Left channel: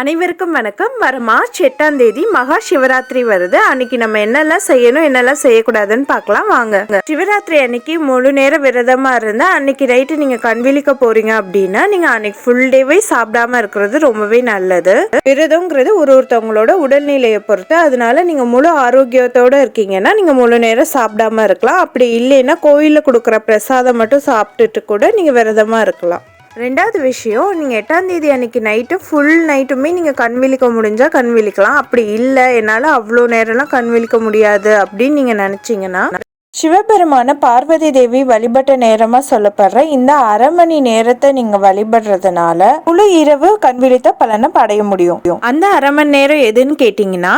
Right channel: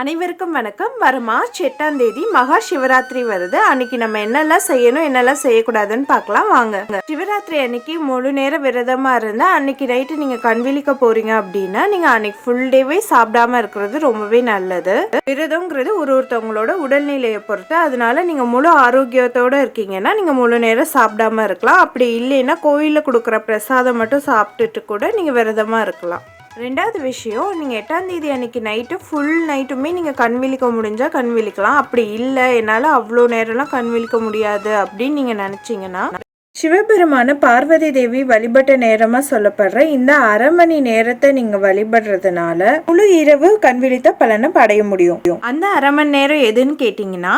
அனைவருக்கும் வணக்கம். வர மார்ச் எட்டாம் தேதி மகா சிவராத்திரி வருது. அன்னைக்கு நம்ம என்னெல்லாம் செய்யணும் என்னெல்லாம் செய்யக்கூடாதுன்னு பார்க்கலாம். வாங்க. சிவராத்திரி அன்னைக்கு முழு நேர விரதமா இருந்தா அன்னைக்கு நைட்டு நீங்க கண்விழிக்க போறீங்க அப்படின்னா நீங்க அன்னைக்கு ஃபுல் டேவே சாப்பிடாம இருக்கிறது ரொம்பவே நல்லது. விரதங்கிறது ஒரு ஒருத்தவங்களோட உடல்நிலையை பொறுத்து. அதனால நீங்க முழு ஆரோக்கியத்தோட இருக்கீங்கன்னா நீங்க முழு நேரம் சாப்பிடாம இருக்கலாம். அப்படி இல்லைன்னா கோயிலில் கொடுக்குற பிரசாதம் மட்டும் சாப்பிட்டுட்டு கூட நீங்க விரதமா இருக்கலாம். ரெண்டாவது விஷயம் நீங்கள் எட்டாம் தேதி அன்னைக்கு நைட்டு ஃபுல் நைட்டுமே நீங்கள் கண் விழிக்க முடிஞ்சால் கண் விழிக்கலாம் அப்படி இல்லை என்னால் அவ்வளோ நேரம்லாம் கண் விழிக்க முடியாது அப்படின்னு நீங்கள் நினச்சிங்கன்னா சிவபெருமான பார்வதி தேவி வழிபட்ட நேரமாக சொல்லப்படுற இந்த அரை மணி நேரத்தை நீங்கள் வழிபடுறதுனால முழு இரவு கண் விழித்த பலனை படைய முடியும். அந்த அரை மணி நேரம் எதுன்னு கேட்டிங்கன்னா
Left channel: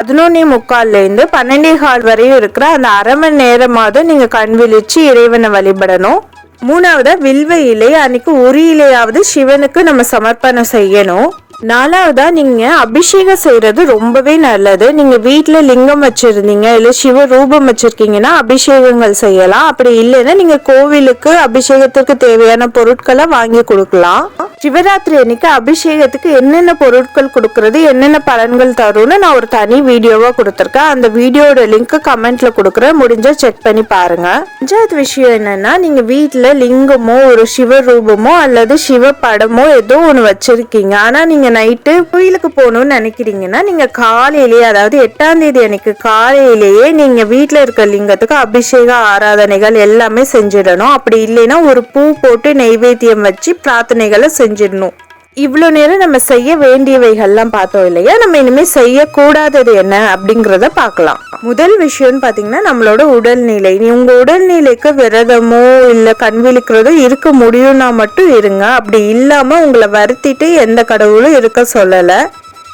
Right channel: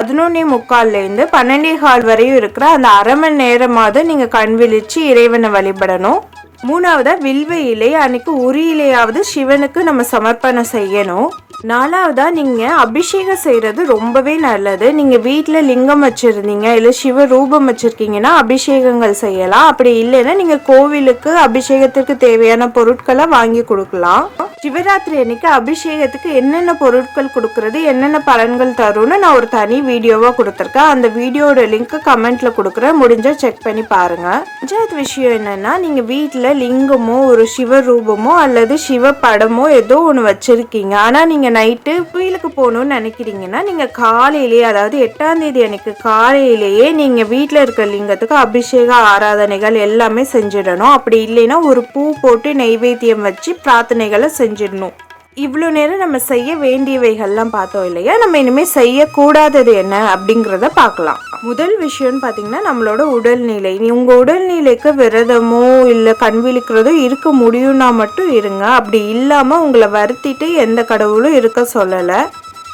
பதினொன்னே முக்கால்ல இருந்து பன்னெண்டே கால் வரையும் இருக்கிற அந்த அரை மணி நேரமாவது நீங்க கண் விழிச்சு இறைவனை வழிபடணும். மூணாவதா வில்வ இலை அன்னைக்கு ஒரு இலையாவது சிவனுக்கு நம்ம சமர்ப்பணம் செய்யணும். நாலாவதா நீங்க அபிஷேகம் செய்யறது ரொம்பவே நல்லது. நீங்க வீட்டுல லிங்கம் வச்சிருந்தீங்க இல்ல சிவ ரூபம் வச்சிருக்கீங்கன்னா அபிஷேகங்கள் செய்யலாம். அப்படி இல்லைன்னா நீங்க கோவிலுக்கு அபிஷேகத்துக்கு தேவையான பொருட்களை வாங்கி கொடுக்கலாம். சிவராத்திரி அன்னைக்கு அபிஷேகத்துக்கு என்னென்ன பொருட்கள் கொடுக்கறது என்னென்ன பலன்கள் தரும்னு நான் ஒரு தனி வீடியோவா கொடுத்துருக்கேன். அந்த வீடியோட லிங்க் கமெண்ட்ல கொடுக்குறேன். முடிஞ்சா செக் பண்ணி பாருங்க. அஞ்சாவது விஷயம் என்னன்னா நீங்க வீட்டுல லிங்கமோ ஒரு சிவ ரூபமோ அல்லது சிவ படமோ ஏதோ ஒன்று வச்சிருக்கீங்க. ஆனா நீங்க நைட்டு கோயிலுக்கு போகணும்னு நினைக்கிறீங்கன்னா நீங்க காலையிலேயே அதாவது எட்டாம் தேதி அன்னைக்கு காலையிலேயே நீங்க வீட்டுல இருக்க லிங்கத்துக்கு அபிஷேக ஆராதனைகள் எல்லாமே செஞ்சிடணும். அப்படி இல்லைன்னா ஒரு பூ போட்டு நெய்வேத்தியம் வச்சு பிரார்த்தனைகளை செஞ்சிடணும். இவ்வளோ நேரம் நம்ம செய்ய வேண்டியவைகள்லாம் பார்த்தோம் இல்லையா? நம்ம இனிமேல் செய்யக்கூடாதது என்ன அப்படிங்கிறத பார்க்கலாம். முதல் விஷயம்னு பார்த்தீங்கன்னா நம்மளோட உடல்நிலை. உங்கள் உடல்நிலைக்கு விரதமோ இல்லை கண் விழிக்கிறதோ இருக்க முடியும்னா மட்டும் இருங்க. அப்படி இல்லாமல் உங்களை வருத்திட்டு எந்த கடவுளும் இருக்க சொல்லலை.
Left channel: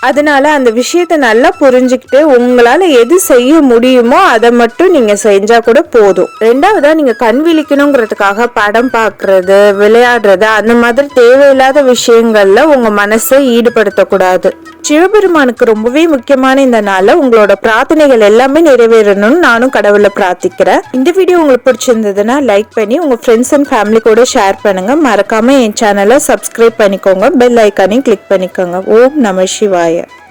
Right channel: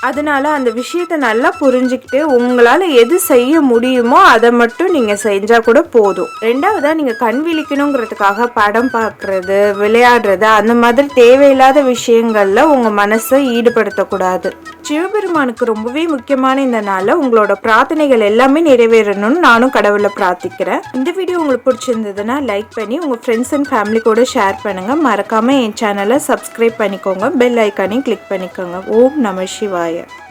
அதனால அந்த விஷயத்தை நல்லா புரிஞ்சுக்கிட்டு உங்களால் எது செய்ய முடியுமோ அதை மட்டும் நீங்கள் செஞ்சால் கூட போதும். ரெண்டாவதாக நீங்கள் கண் விழிக்கணுங்கிறதுக்காக படம் பார்க்குறது விளையாடுறது அந்த மாதிரி தேவையில்லாத விஷயங்களில் உங்கள் மனசை ஈடுபடுத்தக்கூடாது. சிவபெருமானுக்கு ரொம்பவே முக்கியமான இந்த நாளில் உங்களோட பிரார்த்தனைகள் எல்லாமே நிறைவேறணும்னு நானும் கடவுளை பிரார்த்திக்கிறேன். இந்த வீடியோ உங்களுக்கு பிடிச்சிருந்ததுன்னா லைக் பண்ணி உங்கள் ஃப்ரெண்ட்ஸ் அண்ட் ஃபேமிலி கூட ஷேர் பண்ணுங்கள் மறக்காமல் என் சேனலை சப்ஸ்கிரைப் பண்ணிக்கோங்க. பெல் ஐக்கானையும் கிளிக் பண்ணிக்கோங்க. ஓம் நம சிவாய். it.